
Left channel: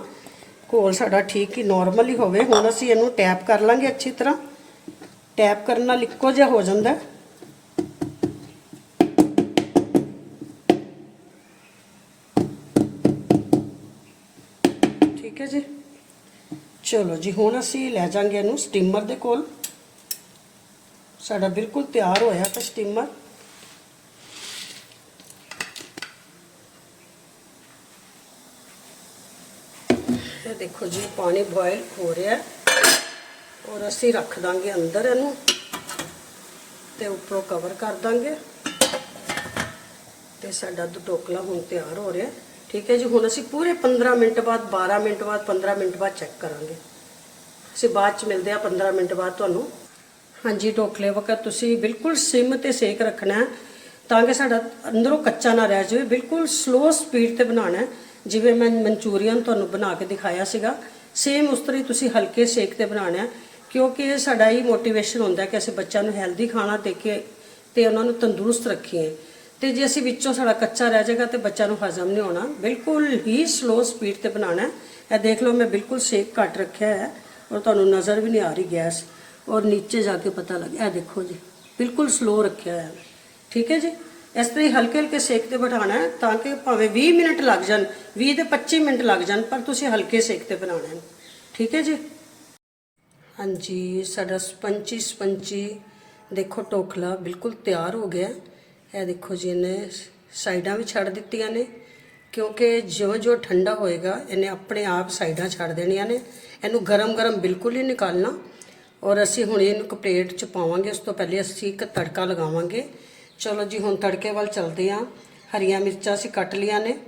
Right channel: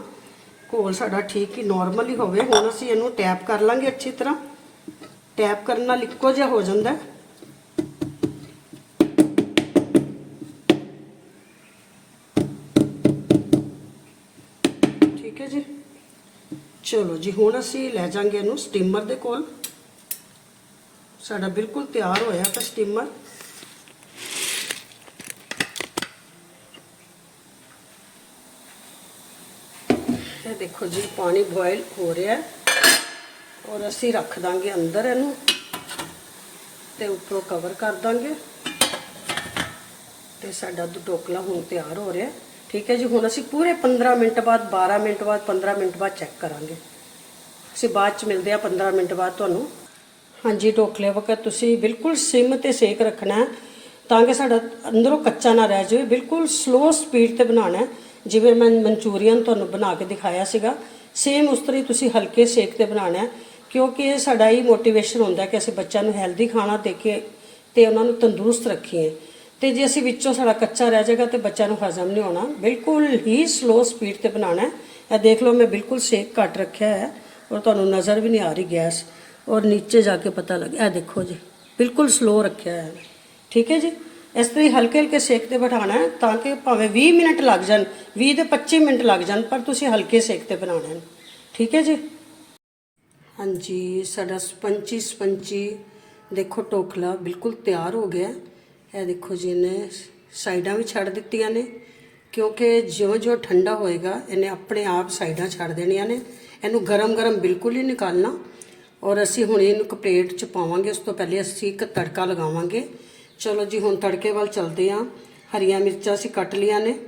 ਘੋਲ ਸਾਡਾ ਠੀਕ ਹੀ ਨਾਰਮਲ ਹੀ ਹੋਵੇ। ਹੁਣ ਅਸੀਂ ਇਹਨੂੰ ਟੈਪ ਕਰ ਲਾਂਗੇ ਅੱਛੀ ਤਰ੍ਹਾਂ। ਟੈਪ ਕਰਨ ਨਾਲ ਇੱਕੋ ਜਿਹਾ ਹੋ ਜਾਂਦਾ ਠੀਕ ਹੈ ਜੀ? ਚਲੋ ਜੀ, ਹੁਣ ਅਸੀਂ ਲੈ ਜਾਾਂਗੇ ਇਹਨੂੰ ਸਟੀਮਰ ਦੇ ਕੋਲ। ਸਾਡਾ ਬਿਲਕੁਲ ਤਿਆਰ ਹੋਇਆ ਤਾਂ ਸਟੀਮਰ। ਇਹ ਦੇਖੋ ਜੀ, ਪਾਣੀ ਬੋਇਲ ਹੋ ਰਿਹਾ ਔਰ ਅਸੀਂ ਰੱਖ ਦਾਂਗੇ ਅੰਦਰ ਇਹਨੂੰ ਤੇ ਉੱਪਰੋਂ ਕਵਰ ਕਰ ਦਾਂਗੇ। ਤੇ ਸਾਡਾ ਦੁ- ਢੋਕਲਾ ਹੁਣ ਤਿਆਰ ਹੋ ਰਿਹਾ ਠੀਕ ਹੈ ਜੀ, ਹੁਣ ਅਸੀਂ ਪੂਰੇ 15 ਮਿੰਟ ਬਾਅਦ 12 ਮਿੰਟ ਬਾਅਦ 15 ਮਿੰਟ ਬਾਅਦ ਚੈੱਕ ਕਰਾਂਗੇ। ਅਸੀਂ ਬਾਅਦ ਚ ਮਿਲਦੇ ਆ 15 ਮਿੰਟ ਬਾਅਦ ਤੁਹਾਨੂੰ। ਹਾਂਜੀ, ਢੋਕਲੇ ਵਕਤ ਤੁਸੀਂ ਬਿਲਕੁਲ ਸਿਮ ਤੇ ਸੇਕ ਰੱਖਣਾ ਤਾਂ ਕਿ ਸਾਡਾ ਅੰਦਰੋਂ ਕੱਚਾ ਨਾ ਰਹਿ ਜਾਵੇ। ਬਿਲਕੁਲ ਸਲੋ ਸਪੀਡ ਤੇ ਬਣਾਉਣਾ ਜਿਵੇਂ ਮੈਂ ਮਨਚੂਰੀਅਨ ਤੁਹਾਨੂੰ ਬਣਾ ਕੇ ਦਿਖਾਇਆ ਸੀਗਾ ਸੇਮ ਉਸ ਤਰ੍ਹਾਂ ਹੀ ਤੁਸੀਂ ਹਲਕੇ ਸੇਕ ਤੇ ਬਣਾਉਣਾ ਕਿਉਂਕਿ ਇਹ ਸਾਡਾ ਹੀ ਮੋਟੀਵੇਸ਼ਨ ਹੁੰਦਾ ਕਿ ਅਸੀਂ ਬੱਚਿਆਂ ਨੂੰ ਹੈਲਦੀ ਖਾਣਾ ਦੇ ਕੇ ਤੇ ਉਹਨਾਂ ਨੂੰ ਤੰਦਰੁਸਤ ਰੱਖੀਏ। ਤੇ ਜੇ ਅਸੀਂ ਵਿੱਚੋਂ ਸਾਡਾ ਕੱਚਾ ਰਹਿ ਜਾਏਗਾ ਤੇ ਬੱਚਿਆਂ ਨੂੰ ਹਜ਼ਮ ਨਹੀਂ ਹੋਣਾ, ਬਿਲਕੁਲ ਹੀ ਸਲੋ ਸਪੀਡ ਤੇ ਬਣਾਉਣਾ ਇਹ ਦੇਖ ਲਓ, ਮੈਂ ਬਿਲਕੁਲ ਸੇਕ ਘੱਟ ਰੱਖਿਆ ਹੈ ਔਰ ਤੁਹਾਨੂੰ ਨਜ਼ਰ ਵੀ ਨਹੀਂ ਆ ਰਹੀ ਗੈਸ, ਔਰ ਨੀਚੇ ਜਾ ਕੇ ਪਤਾ ਲੱਗ, ਇਹ ਦੇਖੋ ਜੀ, ਬਿਲਕੁਲ ਸਲੋ ਰੱਖਿਆ ਹੈ। ਠੀਕ ਹੈ ਜੀ? ਇਸ ਤੋਂ ਹੀ ਹਲਕੇ ਹਲਕੇ ਸੇਕ ਤੇ ਬਿਠਾਉਣਾ ਹੈ ਤਾਂ ਕਿ ਭਾਵੇਂ 20 ਮਿੰਟ ਲੱਗ ਜਾਣ 20 ਤੇ 25 ਮਿੰਟ ਲੱਗ ਜਾਣ, ਪਰ ਤੁਸੀਂ ਹਲਕੇ ਸੇਕ ਤੇ ਬਣਾਉਣਾ ਹੈ। ਠੀਕ ਹੈ ਜੀ? ਹਾਂਜੀ, ਸਾਡਾ ਸਪੰਚੀ ਸਪੰਚੀ ਦੇਖੋ ਟੋਖਲਾ ਬਿਲਕੁਲ ਤਿਆਰ ਹੋ ਗਿਆ। ਇਹ ਦੇਖੋ ਜੀ, ਇਹਨੇ ਸਾਈਡਾਂ ਵੀ ਛੱਡ ਦਿੱਤੀਆਂ ਨੇ, ਕਿਉਂਕਿ ਜਿਉਂ ਜਿਉਂ ਠੰਡਾ ਹੋਏਗਾ, ਇਹਨੇ ਆਪਣੇ ਆਪ ਸਾਈਡਾਂ ਛੱਡ ਦੇਣੀਆਂ ਨੇ। ਇਹਨੂੰ ਗਰਮ ਗਰਮ ਬਿਲਕੁਲ ਹੀ ਨਿਕਾਲਣਾ ਔਰ ਅਸੀਂ ਹੁਣ ਇਹਨੂੰ ਇੱਕ ਪਲੇਟ 'ਚ ਪਾਵਾਂਗੇ, ਉਸ ਤੋਂ ਪਹਿਲੇ ਅਸੀਂ ਇੱਕ ਤੜਕਾ ਲਗਾਵਾਂਗੇ। ਚਲੋ ਜੀ, ਹੁਣ ਤੜਕੇ ਵੱਲ ਚੱਲਦੇ ਹਾਂ ਹਰੀਆਂ ਮਿਰਚਾਂ ਅਸੀਂ ਕੱਟ ਲੀਆਂ ਨੇ।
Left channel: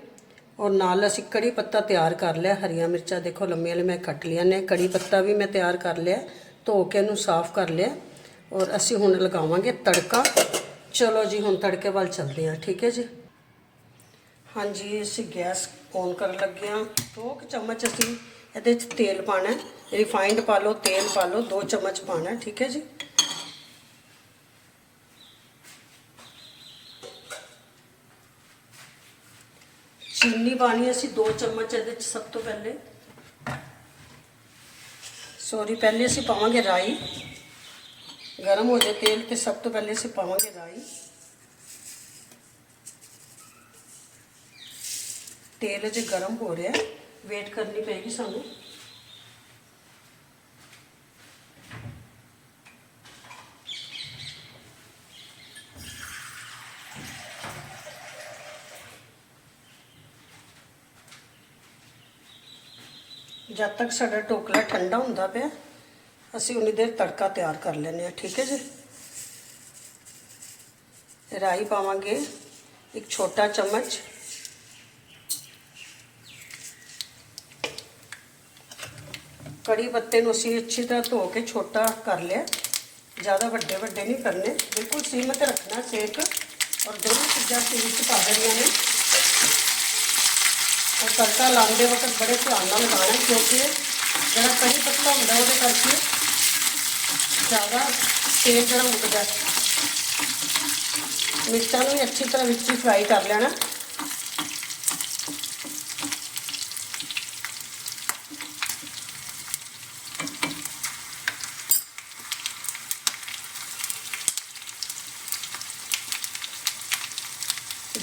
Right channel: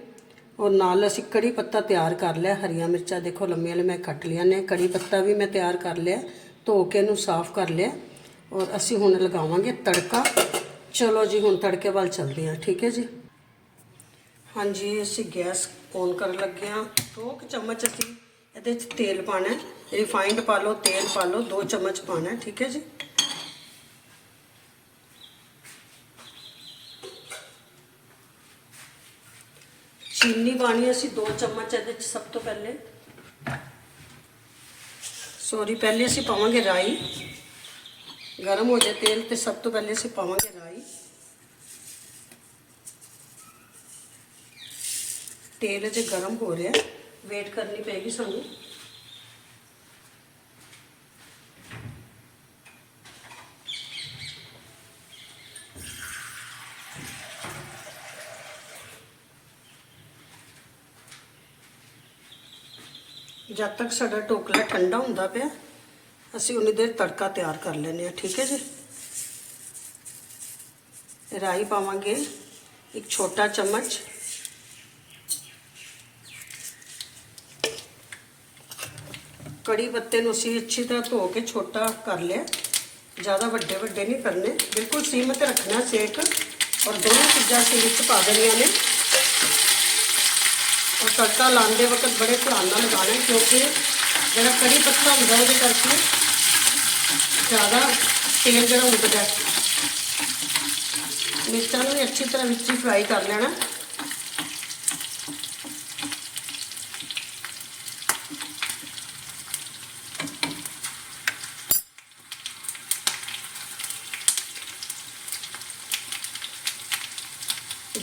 ਔਰ ਨਾਲ ਅਸੀਂ ਕੜੀ ਪੱਤਾ ਤਿਆਰ ਕਰ ਲਿਆ। ਹਰੀਆਂ ਮਿਰਚਾਂ ਦੇਖੋ, ਲੰਮੀਆਂ ਲੰਮੀਆਂ ਕੱਟ ਲੀਆਂ ਨੇ। ਕੜੀ ਪੱਤਾ ਵੀ ਮੈਂ ਤਿਆਰ ਕਰ ਲਿਆ। ਧੋ ਕੇ ਇਹਨੂੰ ਸਾਫ਼ ਕਰ ਲਿਆ। ਔਰ ਅਸੀਂ ਹੁਣ ਲਗਾਵਾਂਗੇ ਤੜਕਾ। ਚਲੋ ਜੀ, ਹੁਣ ਤੜਕੇ ਵੱਲ ਚੱਲਦੇ ਹਾਂ ਠੀਕ ਹੈ ਜੀ? ਹਾਂਜੀ, ਅਸੀਂ ਗੈਸ ਔਨ ਕਰਨ ਲੱਗੇ ਹਾਂ ਦੋ ਕੁ ਚਮਚ ਅਸੀਂ ਇਹਦੇ 'ਚ ਤੇਲ ਪਾਣਾ ਹੈ। ਰਿਫਾਈਨਡ ਪਾ ਲਓ, ਤੇਲ ਪਾ ਲਓ, ਦੋ ਚਮਚ ਪਾਣਾ ਠੀਕ ਹੈ ਜੀ? ਚੀਨੀ ਪਾਣੀ ਅਸੀਂ 2 ਚਮਚ ਇਹਦੇ ਚ ਸਭ ਤੋਂ ਪਹਿਲੇ ਸੌਰੀ ਪਹਿਲੇ ਅਸੀਂ ਪਾਵਾਂਗੇ ਰਾਈ ਗਰਮ ਹੋ ਜਾਏ ਤੇਲ ਤੇ ਸਭ ਤੋਂ ਪਹਿਲੇ ਅਸੀਂ ਪਾਵਾਂਗੇ ਰਾਈ ਤੇਲ ਜੇ ਗਰਮ ਹੋ ਰਿਹਾ ਵੇਟ ਕਰਨੀ ਪੈਗੀ ਸਾਨੂੰ ਜਦ ਤੱਕ ਸਾਡਾ ਢੋਕਲਾ ਠੰਡਾ ਹੁੰਦਾ ਪਿਆ, ਅਸੀਂ ਉਨੀ ਦੇਰ ਤੜਕਾ ਤਿਆਰ ਕਰ ਲੈਨੇ ਆ ਠੀਕ ਹੈ ਜੀ? ਰਾਈ ਪਾਵਾਂਗੇ ਇੱਕ ਛੋਟਾ ਚਮਚ। ਕੜੀ ਪੱਤੇ ਨੂੰ ਅਸੀਂ ਅੱਛੀ ਤਰ੍ਹਾਂ ਧੋ ਕੇ ਛੋਟਾ ਕਰ ਲਿਆ। ਜ਼ਿਆਦਾ ਵੱਡੇ ਵੱਡੇ ਨਹੀਂ ਕਰਨੇ ਬਿਲਕੁਲ ਸੀਮਤ ਰੱਖਣਾ ਸੇਕ। ਔਰ ਦੋਨੋਂ ਚੀਜ਼ਾਂ ਅਸੀਂ ਵਿੱਚ ਪਾ ਦੇਣੀਆਂ ਨੇ। ਔਰ ਤੜਕਾ ਲਾਉਂਦੇ ਵਕਤ ਬੜੇ ਧਿਆਨ ਨਾਲ ਲਗਾਉਣਾ ਕਿਉਂਕਿ ਜਿਹੜਾ ਕੜੀ ਪੱਤਾ ਹੁੰਦਾ ਉਹਦੇ ਕਰਕੇ ਜ਼ਿਆਦਾ ਤੇਲ ਜਿਹੜਾ ਉੱਡਦਾ ਮਿਰਚਾਂ ਨੂੰ ਵੀ ਅੱਛੀ ਤਰ੍ਹਾਂ ਵਿੱਚ ਹੀ ਫਰਾਈ ਕਰ ਲੈਣਾ।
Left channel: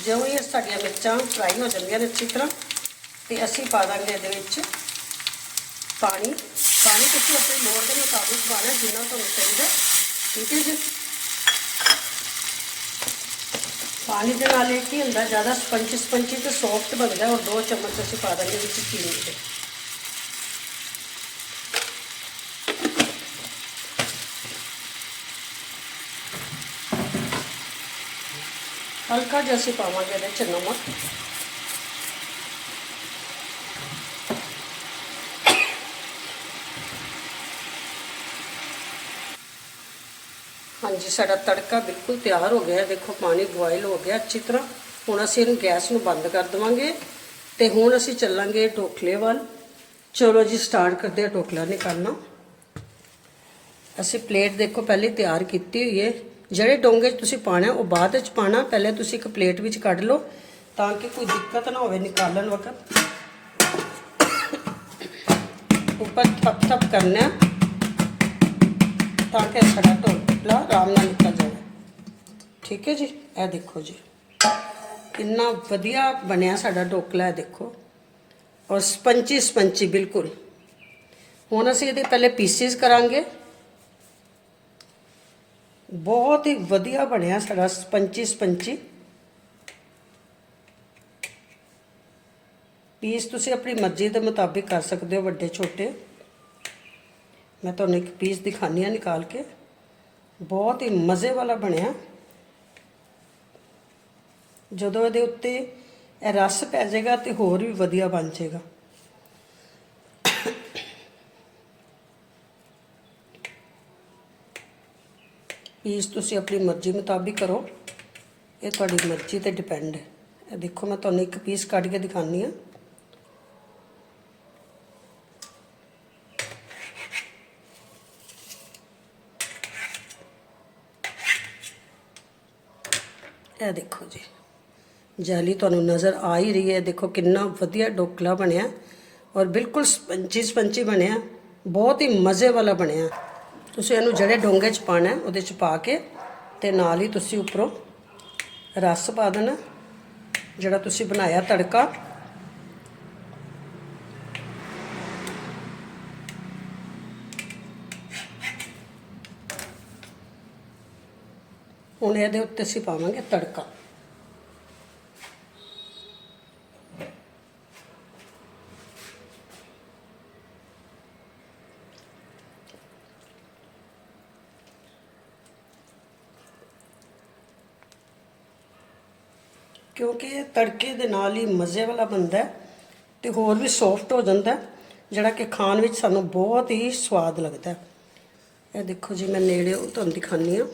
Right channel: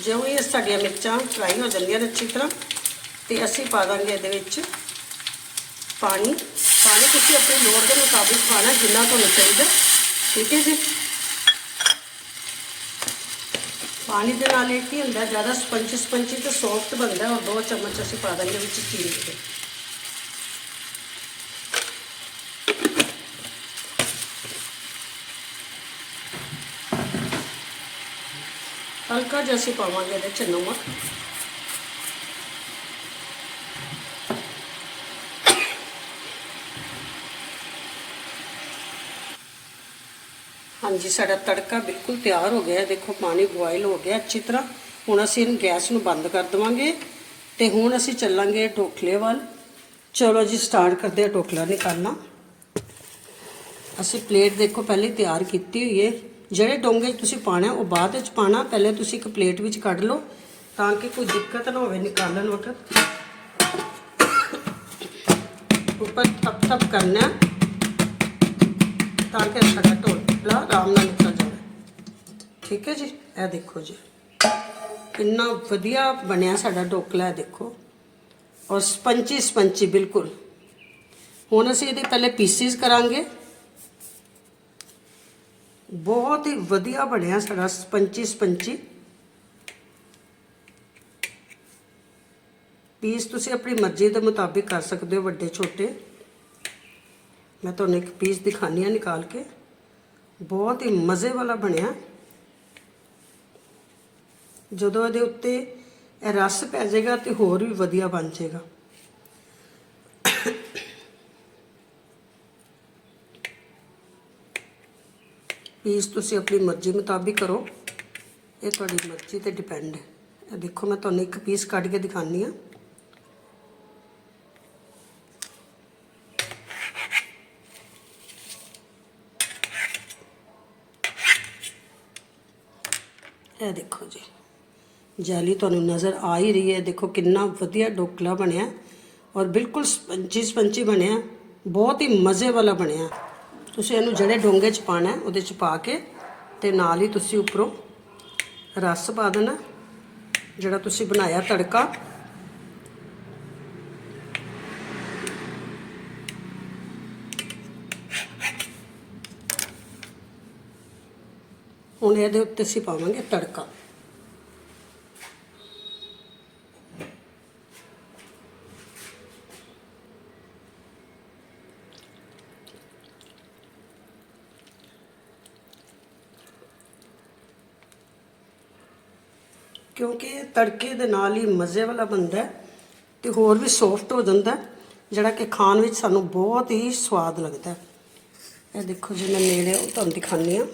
ਜਿਉਂ ਹੀ ਸਾਡੀਆਂ ਮਿਰਚਾਂ ਫਰਾਈ ਹੋ ਜਾਂਦੀਆਂ ਨੇ ਅੱਛੀ ਤਰ੍ਹਾਂ। ਤੇ ਅਸੀਂ ਪਾ ਦਾਂਗੇ ਇਹਦੇ ਵਿੱਚ ਪਾਣੀ। ਪਾਣੀ ਤੁਸੀਂ ਆਪਣੀ ਲੋੜ ਦੇ ਮੁਤਾਬਿਕ ਪਾਣਾ ਜਿੰਨਾ ਤੁਹਾਨੂੰ ਚਾਹੀਦਾ, ਠੀਕ ਹੈ ਜੀ? ਪਾਣੀ ਦੇ ਨਾਲ ਇਹ ਕੀ ਹੁੰਦਾ, ਜ਼ਿਆਦਾ ਸਪੰਚੀ ਸਪੰਚੀ ਤੇ ਸੌਫਟ ਬਣਦਾ ਔਰ ਦੋ ਚਮਚ ਅਸੀਂ ਪਾ ਦਾਂਗੇ ਵਿੱਚ ਚੀਨੀ ਦੇ ਹਲਕਾ ਜਿਹਾ ਅਸੀਂ ਪਾਵਾਂਗੇ ਇਹਦੇ ਚ ਨਮਕ। ਹਾਂਜੀ, ਸਾਡਾ ਤੜਕਾ ਬਿਲਕੁਲ ਤਿਆਰ ਹੋ ਗਿਆ ਹੈ। ਦੇਖੋ, ਪਾਣੀ ਬੋਇਲ ਹੋ ਗਿਆ ਅੱਛੀ ਤਰ੍ਹਾਂ। ਹੁਣ ਅਸੀਂ ਇਹਨੂੰ ਗੈਸ ਨੂੰ ਬੰਦ ਕਰ ਦਵਾਂਗੇ ਤੇ ਹੁਣ ਅਸੀਂ ਚੱਲਾਂਗੇ ਢੋਕਲੇ ਵੱਲ। ਚਲੋ ਜੀ ਸਟਾਰਟ ਕਰਦੇ ਹਾਂ ਢੋਕਲਾ ਨਿਕਾਲਣਾ। ਅਸੀਂ ਪਲੇਟ ਦੇਖੋ, ਪਹਿਲੇ ਤਿਆਰ ਕੀਤੀ ਹੋਈ ਹੈ। ਜਿਹੜੇ ਡੋਂਗੇ ਤੁਸੀਂ ਪਾਣਾ ਉਹ ਬਾਅਦ ਵਿੱਚ ਪਾਣਾ ਪਹਿਲੇ ਤੁਸੀਂ ਇੱਕ ਪਲੇਟ ਵਿੱਚ ਕੱਢ ਲਓ ਤਾਂ ਕਿ ਕੋਈ ਦਿੱਕਤ ਨਾ ਹੋਵੇ ਨਿਕਾਲਣ ਵਕਤ। ਉੱਪਰ ਥਪ ਥਪ ਕਰਨਾ ਤਾਂ ਕਿ ਸਾਡਾ ਢੋਕਲਾ ਆਰਾਮ ਨਾਲ ਨਿਕਲ ਜਾਵੇ ਠੀਕ ਹੈ ਜੀ ਇਹ ਦੇਖੋ ਜੀ ਕਿੰਨਾ ਵਧੀਆ ਬਣਿਆ ਸਾਡਾ ਢੋਕਲਾ ਹੈ ਦੇਖੋ ਔਰ ਸਪੰਚੀ ਸਪੰਚੀ ਬਿਲਕੁਲ ਹੁਣ ਅਸੀਂ ਇਹਦੇ ਪਹਿਲੇ ਪੀਸਿਸ ਕਰਾਂਗੇ ਬਹੁਤ ਹੀ ਵਧੀਆ ਬਣਿਆ ਸਾਡਾ ਸਪੰਚੀ ਸਪੰਚੀ ਪੀਸ ਤੁਸੀਂ ਆਪਣੀ ਮਰਜ਼ੀ ਦੇ ਮੁਤਾਬਿਕ ਕਰ ਸਕਦੇ ਹੋ ਵੱਡੇ ਛੋਟੇ ਮੈਂ ਤੁਹਾਨੂੰ ਇੱਕ ਪੀਸ ਦਿਖਾਨੀ ਆ ਨਿਕਾਲ ਕੇ ਬਹੁਤ ਹੀ ਮਜ਼ੇ ਵਾਲਾ ਬਣਿਆ। ਜਦੋਂ ਇਹਦੇ ਉੱਤੇ ਇਹ ਰਸ ਪੈ ਜਾਏਗਾ ਤੇ ਹੋਰ ਵੀ ਵਧੀਆ ਬਣ ਜਾਏਗਾ। ਪੀਸ ਤੁਸੀਂ ਆਪਣੀ ਮਰਜ਼ੀ ਮੁਤਾਬਿਕ ਕਰੋ। ਇਹ ਤੁਹਾਡੀ ਮਰਜ਼ੀ ਤੇ ਡਿਪੈਂਡ ਹੈ। ਇਹ ਦੇਖੋ, ਮੈਂ ਤੁਹਾਨੂੰ ਇੱਕ ਪੀਸ ਕੱਢ ਕੇ ਦਿਖਾਨੀ ਆ ਇਹ ਦੇਖੋ ਜੀ। ਜਾਲੀ ਤੁਹਾਨੂੰ ਨਜ਼ਰ ਆ ਹੀ ਰਹੀ ਹੈ। ਦੇਖੋ ਕਿੰਨਾ ਵਧੀਆ ਡੋਕਲਾ ਬਣਿਆ ਔਰ ਬਿਲਕੁਲ ਸਪੰਚੀ ਸਪੰਚੀ ਬਣਿਆ। ਬਹੁਤ ਹੀ ਮਜ਼ੇ ਵਾਲਾ ਬਣਿਆ। ਤੁਸੀਂ ਇਹਨੂੰ ਜਿਹੜੇ ਡੋਂਗੇ 'ਚ ਪਾਣਾ ਉਹਦੇ 'ਚ ਪਾ ਕੇ ਤੇ ਨਾਲ ਹੀ ਤੁਸੀਂ ਉੱਪਰੋਂ ਰਸ ਪਾ ਦੇਣਾ। ਜਿਹੜਾ ਤੁਸੀਂ ਬਣਾਇਆ ਤੜਕਾ ਹੁਣ ਇਹਦੇ ਉੱਤੇ ਅਸੀਂ ਪਾਵਾਂਗੇ ਤੜਕਾ। ਕਿਉਂਕਿ ਤੜਕੇ ਦੇ ਨਾਲ ਹੀ ਮਜ਼ੇ ਵਾਲਾ ਬਣਦਾ ਹੈ ਤੇ ਹੋਰ ਵੀ ਸੌਫਟ ਹੋ ਜਾਂਦਾ ਜਿਹੜਾ ਕਿ ਖਾਣ ਵਿੱਚ ਸਾਨੂੰ ਬਹੁਤ ਹੀ ਸਵਾਦ ਲੱਗਦਾ ਇਹ ਦੇਖੋ ਜੀ, ਮੈਂ ਨੇੜੇ ਉਹ ਤੁਹਾਨੂੰ ਦਿਖਾਉਂਦੀ ਆ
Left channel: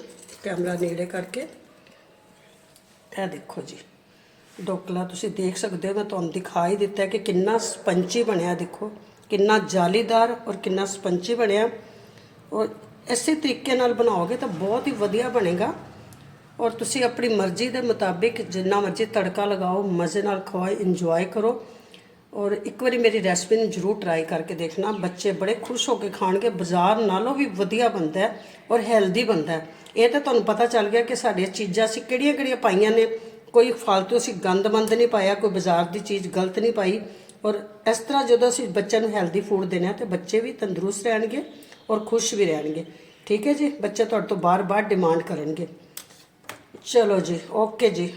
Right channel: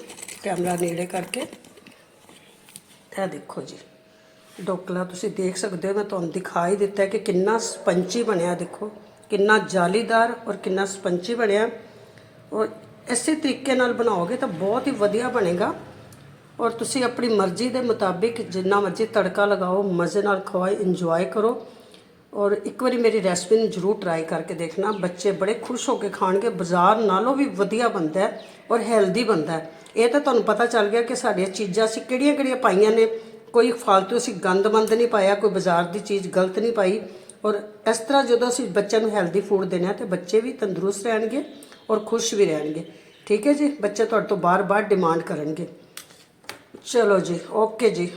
ਕੈਮਰਾ ਨੇੜੇ ਕਰਕੇ। ਇਹ ਦੇਖੋ ਜੀ, ਡੋਕਲਾ ਤੁਸੀਂ ਦੇਖ ਸਕਦੇ ਹੋ, ਮੈਂ ਤੁਹਾਨੂੰ ਦਿਖਾ ਹੀ ਦਿੱਤਾ ਕਿ ਕਿੰਨਾ ਸਪੰਚੀ ਬਣਿਆ, ਦੇਖੋ। ਕਿੰਨਾ ਜਾਲੀਦਾਰ ਔਰ ਕਿੰਨਾ ਸਪੰਚੀ ਬਣਿਆ। ਔਰ ਇਸੇ ਤਰੀਕੇ ਨਾਲ ਬਣਾਓਗੇ ਤਾਂ ਬਹੁਤ ਹੀ ਵਧੀਆ ਬਣੇਗਾ। ਔਰ ਤੁਸੀਂ ਆਪਣੀ ਮਰਜ਼ੀ ਦੇ ਮੁਤਾਬਿਕ ਜਿੰਨਾ ਮਰਜ਼ੀ ਤੜਕਾ ਲਗਾਓ, ਮਜ਼ੇ ਨਾਲ ਖਵਾਓ ਇੰਜੋਏ ਕਰੋ। ਔਰ ਇੱਕ ਵਾਰੀ ਮੇਰੀ ਰੈਸਪੀ ਨੂੰ ਜਰੂਰ ਟਰਾਈ ਕਰਕੇ ਦੇਖਣਾ। ਬੱਚੇ ਬੜੇ ਖੁਸ਼ ਹੋ ਕੇ ਖਾਣਗੇ। ਬਾਜ਼ਾਰ ਨਾਲੋਂ ਵੀ ਵਧੀਆ ਬਣਦਾ ਹੈ ਔਰ ਹੈਲਦੀ ਬਣਦਾ ਹੈ। ਇਹ ਤਾਂ ਤੁਹਾਨੂੰ ਪਤਾ ਚੱਲ ਗਿਆ ਕਿ ਸਾਡੀਆਂ ਚੀਜ਼ਾਂ ਅਸੀਂ ਕਿਹੜੀਆਂ-ਕਿਹੜੀਆਂ ਪਾਈਆਂ ਨੇ। ਕੋਈ ਫालतू ਅਸੀਂ ਗੰਦਮੰਦ ਨਹੀਂ ਪਾਇਆ, ਕੋਈ ਬਾਜ਼ਾਰ ਦੀ ਚੀਜ਼ ਗਲਤ ਨਹੀਂ ਪਾਈ। ਔਰ ਇਸ ਤਰ੍ਹਾਂ ਜਦੋਂ ਅਸੀਂ ਬੱਚਿਆਂ ਨੂੰ ਹੈਲਦੀ ਫੂਡ ਦੇਣਾ ਹੈ ਤੇ ਬੱਚੇ ਵੀ ਤੰਦਰੁਸਤ ਰਹਿਣਗੇ ਔਰ ਖੁਸ਼ ਵੀ ਰਹਿਣਗੇ। ਠੀਕ ਹੈ ਜੀ? ਬੱਚੇ ਤੁਹਾਡੇ ਤੋਂ ਬਾਰ-ਬਾਰ ਡਿਮਾਂਡ ਕਰਨਗੇ। ਚਲੋ ਜੀ ਓਕੇ ਜੀ।